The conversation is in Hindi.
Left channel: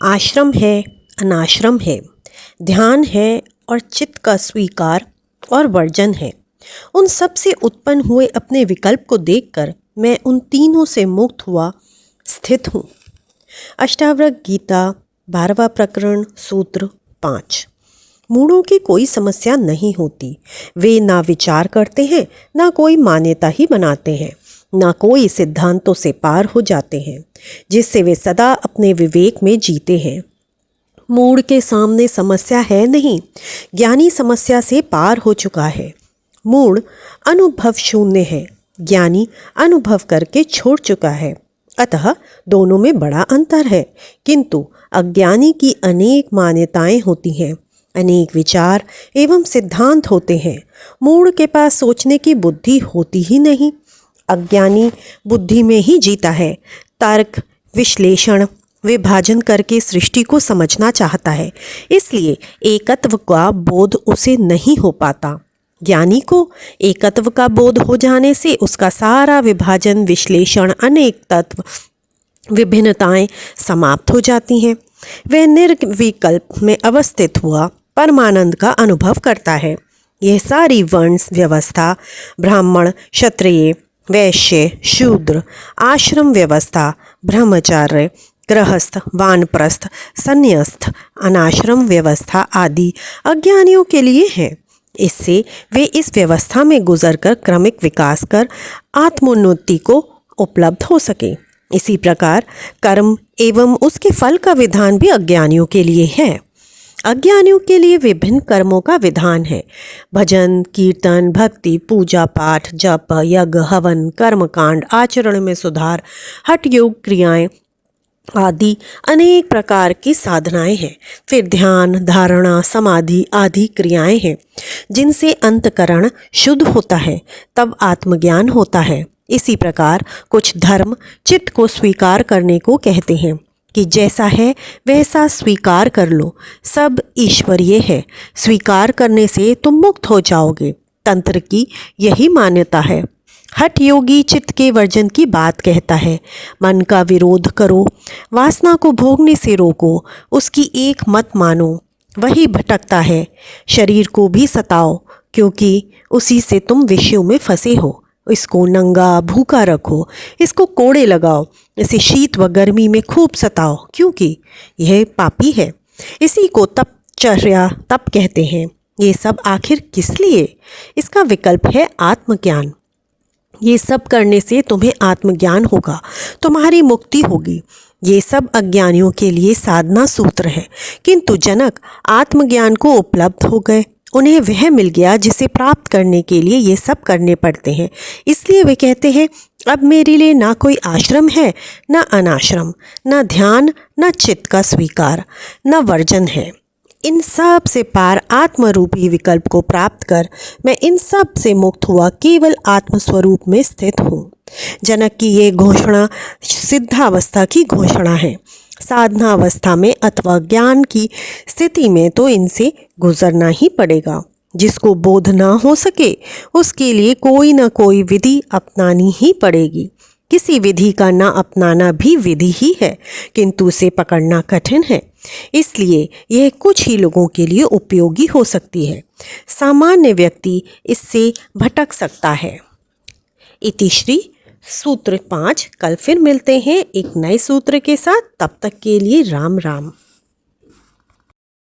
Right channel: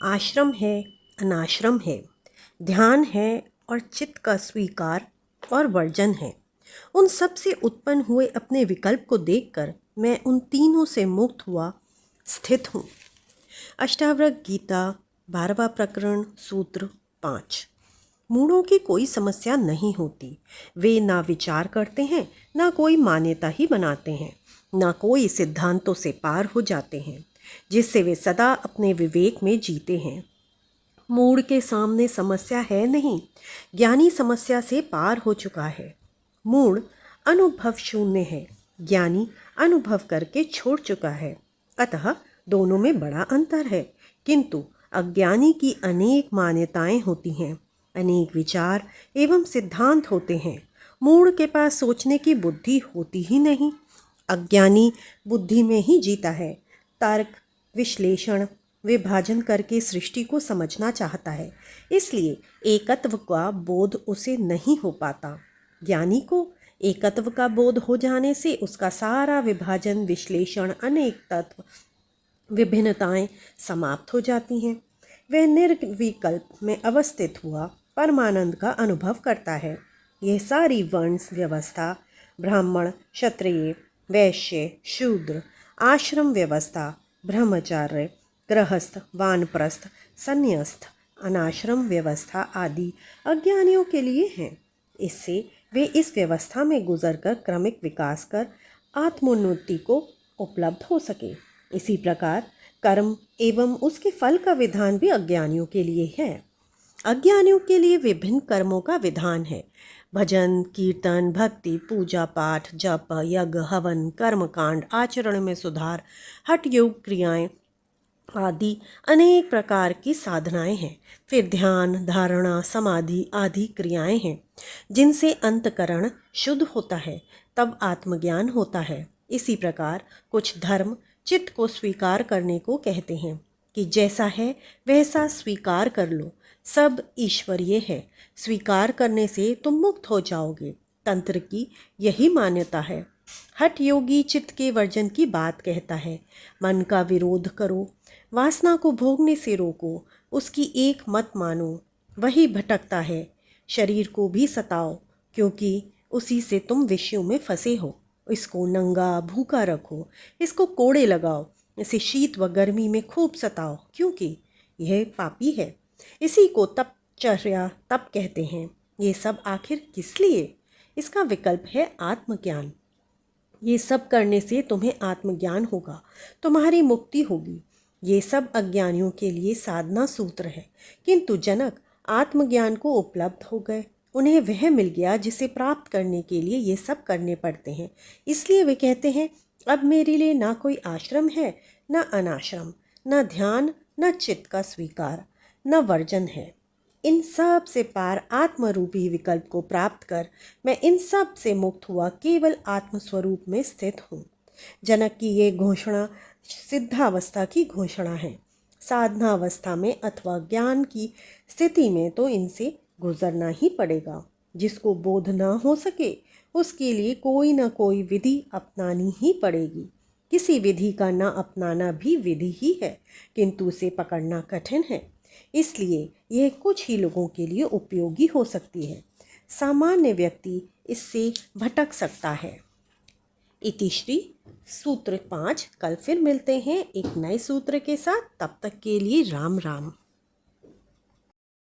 आश्रम है, अनाश्रम है, ध्यान है और चित्त का स्वीकार और वर्जन है। उन सब से उत्पन्न हुए अपने विकल्प को देखकर मैं उन तीनों से मुक्त हुआ स्थित हूँ। अष्टावक्र गीता 12वां प्रकरण सूत्र 5। मूढ़ों की कोई समस्या नहीं होती। वे ना विचार करते हैं, ना कोई मान्यता ही बनाते हैं, ना कोई सिद्धांतों से पार हो जाते हैं जिससे वे सदा अपने विवेक में जीते हैं। मूढ़ के सामने समस्या है नहीं, ज्ञानी समस्या से पार हो चुका है। मूढ़ अनुभव शून्य है, ज्ञानी अनुभव करके छोड़ चुका है। अतः दोनों में बड़ा अंतर है, किंतु अज्ञानी की अनेक मान्यताएं होती हैं, अनेक विचार एवं सिद्धांत होते हैं। मूढ़ के पास सोचने की बुद्धि होती ही नहीं। अज्ञानी बुद्धि में ही जीता है, तर्क, विश्लेषण, विभाजन करके सृष्टि को समझना चाहता है, इसलिए एकत्व का बोध उसे नहीं हो पाता। ज्ञानी को एकत्व का बोध हो जाने से उसका सारा विभाजन, विश्लेषण, अनेक तत्व, विभिन्नताएं समाप्त हो जाती हैं। वह निर्विकल्प में अवस्थित हुआ परमानंद का अनुभव करता है। यह सारी वर्ण व्यवस्था, ब्राह्मण, क्षत्रिय, वैश्य, शूद्र, आश्रम व्यवस्था, ब्रह्मचार्य, गृहस्थ, वानप्रस्थ, संन्यास्त, अनाश्रम व्यवस्था आदि अज्ञानियों के लिए है। इससे वे इस व्यवस्था में गुजरकर क्रमिक विकास कर आत्मोन्नति को उपलब्ध हो सके। इसी प्रकार कर्म एवं उसके फल का विधान भी अज्ञानियों के लिए है। अज्ञानियों के लिए विभिन्न कर्मों का विधान है। भजन, कीर्तन, भक्ति, पूजा पाठ, जप, यज्ञ, हवन, कर्मकांड, आचरण में सुधार, हठ योग क्रियाएं आदि अनेक प्रकार की साधनाएं हैं। फिर ध्यान, धारणा, समाधि आदि क्रियाएं हैं जिनसे अंतकरण शुद्ध होता है, तब आत्मज्ञान होता है। इसी प्रकार कुछ धर्म चित्त को स्वीकार करने को कहते हैं कि जैसा है वैसा स्वीकार कर लो, सब ईश्वरीय है। स्वीकार करने से तुम मुक्त हो जाओगे। तंत्र की यही मान्यता है। हठ योगी चित्त के वर्जन की बात कहता है। मन का विरोध करो, वासना को भोगने से रोको, उसकी एक मत मानो, वही भटकता है। शरीर को भी सताओ, क्योंकि उसी से तुम विषयों में फंसे हो। इसको नंगा भूखा रखो, इसको कोड़े लगाओ, इसे शीत व गर्मी में खूब सताओ, क्योंकि यह पापी है। इसी को तपचर्या तप कहते हैं। ये सब आखिर किस लिए? इसका विकल्प है आत्मज्ञान। ये सब करने से तुम्हें आत्मज्ञान होगा, तुम्हारी मुक्ति होगी। ये सब अज्ञानियों के लिए साधना सूत्र है, किंतु जनक आत्मज्ञान को उपलब्ध हो गए। उन्हें वह मिल गया जिसे प्राप्त करने के लिए ये सब करने पड़ते हैं। इसलिए वे कहते हैं, अब मेरे लिए ना कोई आश्रम है, ना अनाश्रम, ना ध्यान, ना चित्त का स्वीकार, ना वर्जन है। इन सब से पार आत्मरूपी विकल्प को प्राप्त कर मैं इन सब से मुक्त हुआ केवल आत्मस्वरूप में स्थित हूँ। जनक की ये घोषणा सिद्धावस्था की घोषणा है। साधना अवस्था में अथवा ज्ञान की स्थिति में तो इनसे गुजरना ही पड़ेगा। जिसको बोध ना हो सके उसके लिए कोई ना कोई विधि अपनानी ही पड़ेगी। किसी विधि का ना अपनाना भी विधि ही है, किंतु उसे पकड़ना कठिन है। इसलिए यह कुछ ही लोगों के लिए उपयोगी हो सकती है। सामान्य व्यक्ति इससे भटक सकता है। इतिश्री सूत्र 5। कल फिर मिलते हैं एक नए सूत्र के साथ। तब तक के लिए राम राम।